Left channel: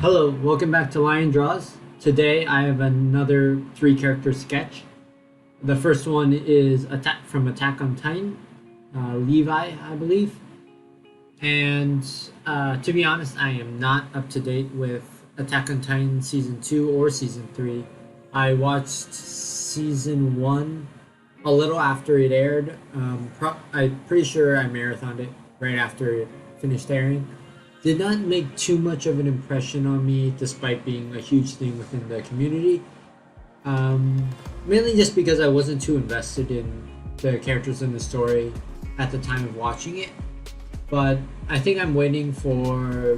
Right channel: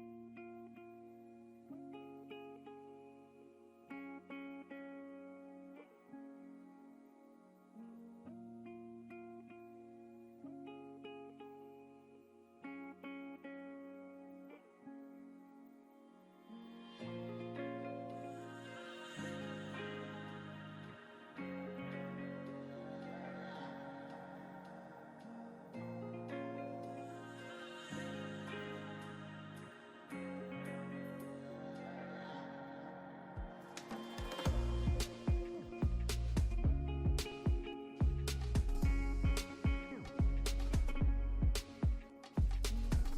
Hello, welcome back to Lion Draws. Today I have another three character sketch. The first one is from Attack on Titan, Levi, I believe. And to be honest, I am not up to date with Attack on Titan Season 2 or Season 3. I watched Season 1 a little after it aired. I'm pretty sure I marathoned it right after it finished airing. Did not make too much of an impression on me despite being a huge thing within the community. Mainly just because I wasn't too invested in the characters in the story at the time of watching it. But I think I'm waiting for,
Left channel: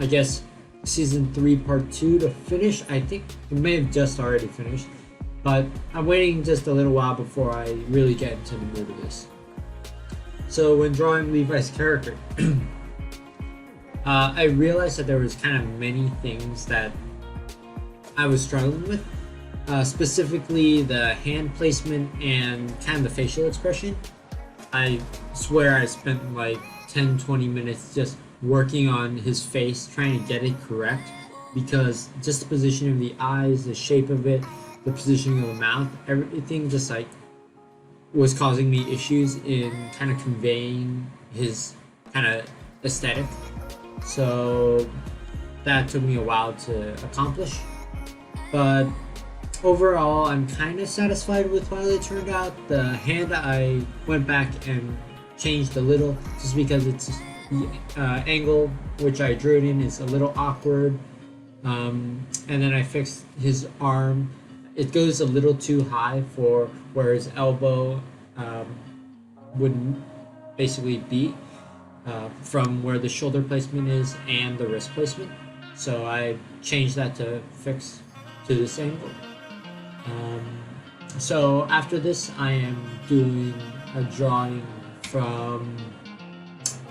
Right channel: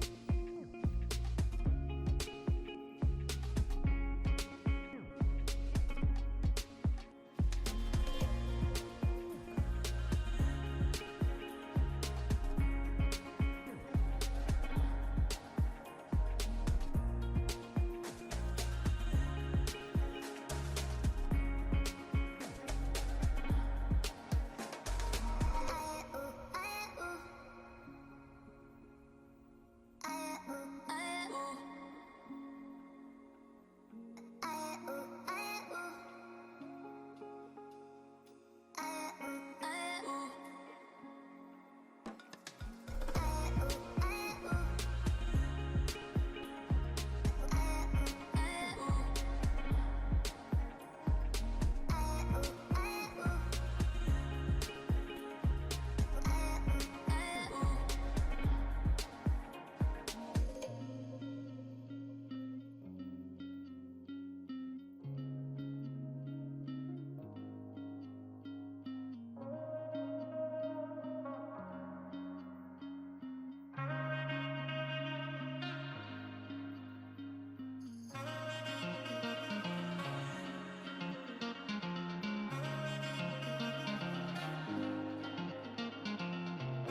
I guess, Season 3 Part 2 to finish. I think it may have just already finished. But I'm waiting just a little while before I really get into the mood of this. So when drawing Levi's character, I realized that there was kind of many things that I was struggling with, specifically the hand placement and kind of the facial expression. I swear I spent like 10-20 minutes just working on his face, trying to get it correct, because just the positioning of the eyes, the shape of it, the positioning of the mouth, everything just like was causing me issues in kind of conveying his kind of aesthetic. So that took me a while to accomplish, but overall I'm kind of satisfied with how it turned out. The hand I went back and changed a little just because it's angle which I drew it in is a little awkward, and then I fixed his arm. It goes a little too high for where his elbow would basically be. From where the shoulder placement is and the wrist placement. So I changed that to fix to this angle. So after this, I am doing a drawing from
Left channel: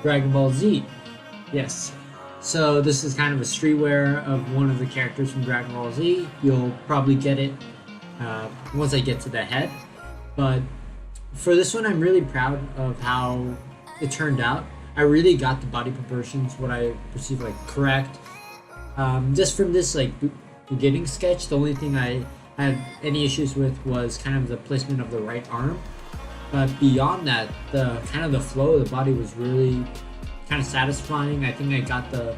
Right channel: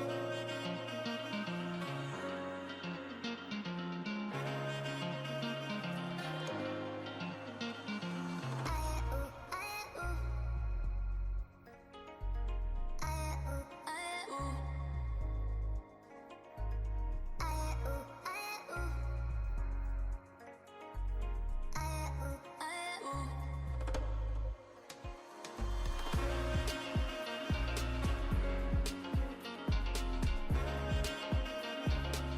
Dragon Ball Z. Yes. So this is kind of a streetwear of one of the characters from Dragon Ball Z. You'll probably get it once I get to the head. But for this one, I'm really proud of how it turned out. I really got the body proportions, what I perceive like correct. Just from this like beginning sketch, the only thing I had any issues with was kind of the placement of the right arm. But beyond that, the kind of the flow of the body was really kind of satisfying. I think I got the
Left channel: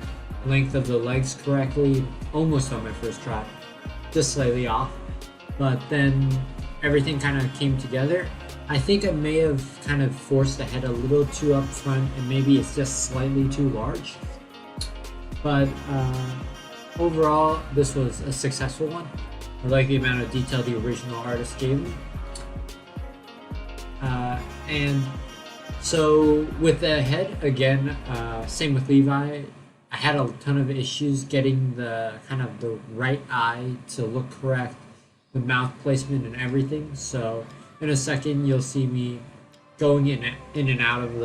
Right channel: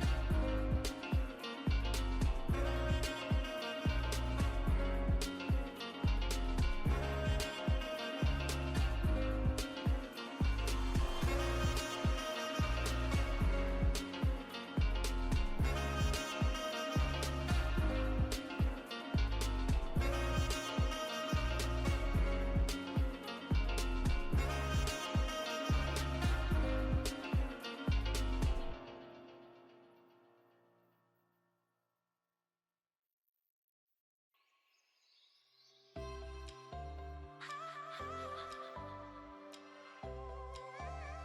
length of the legs correctly, almost on my first try, just slightly off. But then everything kind of came together. I think I may have kind of forced the head a little too up front, and maybe it's just slightly too large. But overall, this was a successful one. I like the amount of detail the original artist gave me. And so with the head, again, same with Levi, I had a ton of issues getting the kind of the right eye to look correct, the mouth placement and everything. So in a second, you'll see me going in and out of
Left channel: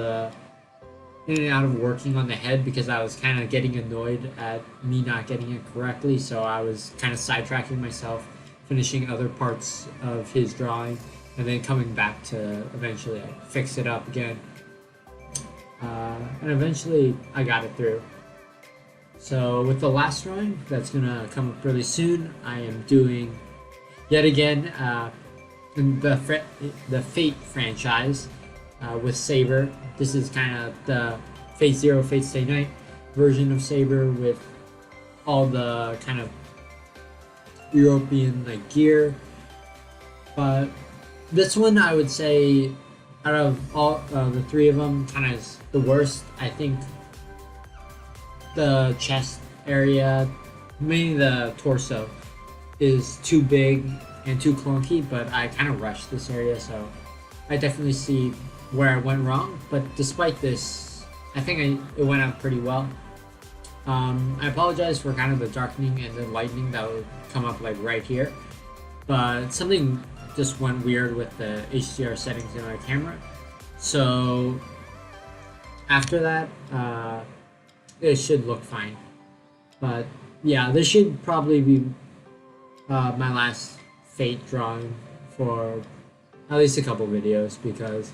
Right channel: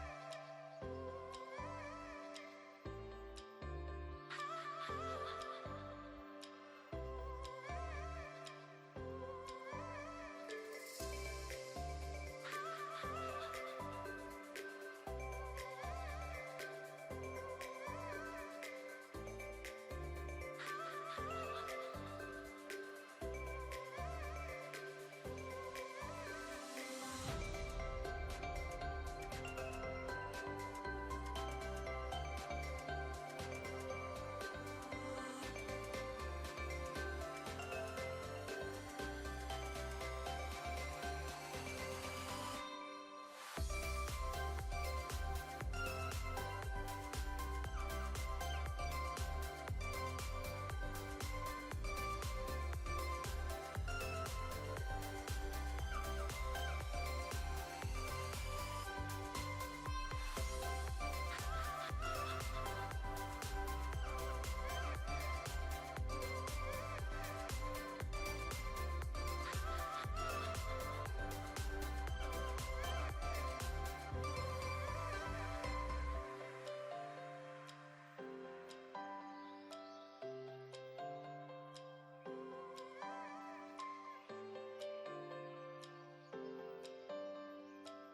working on the head because I was kind of getting annoyed at me not getting it correctly. So I was kind of sidetracking myself, finishing other parts of his drawing, and then coming back to eventually fix it up again. And eventually, I got it through. So with the last drawing that's gonna come up really soon, I am doing yet again. In the Fate franchise with Saber. This is kind of the Fate Zero, Fate Stay Night version of Saber with all the kind of European like gear. But this one, I would say, out of all the three of them, kind of is the worst. I think the chest area, mainly the torso, is too big and too clunky, but I kind of rushed this area, so I definitely see where I went wrong. But despite this, I think it went out pretty well. I apologize for kind of the darkening and the lightening that would come up like right here, but something just went weird with the HDR settings in my camera. So after that, it should look fine. But yeah, this should probably be my last Fate drawing for at least a couple videos because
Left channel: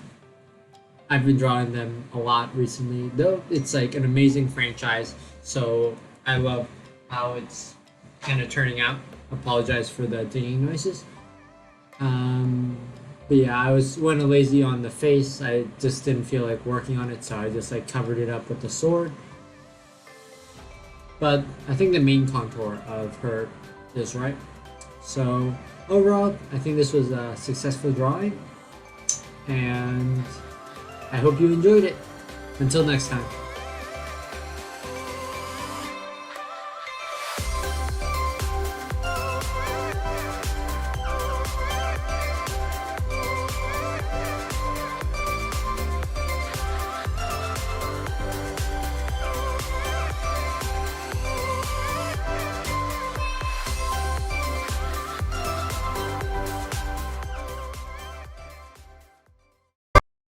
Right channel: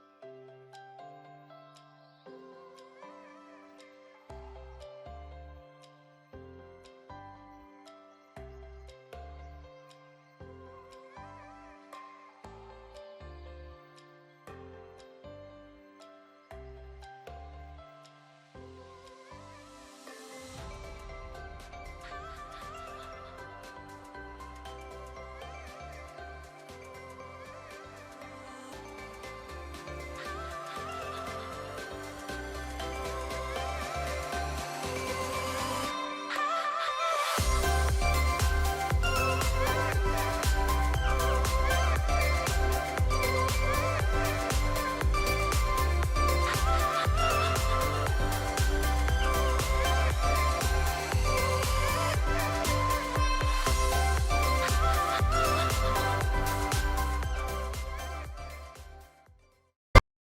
I've been drawing them a lot recently. Though it's like an amazing franchise, so I love how it's kind of turning out. Apologize for the dinging noises. Um, but yeah, I went lazy on the face. I just didn't feel like working on it, so I just like covered it up with the sword. But I think the main contour of her is right. So overall, I think this was a successful drawing, and I hope you enjoyed it. Until next time.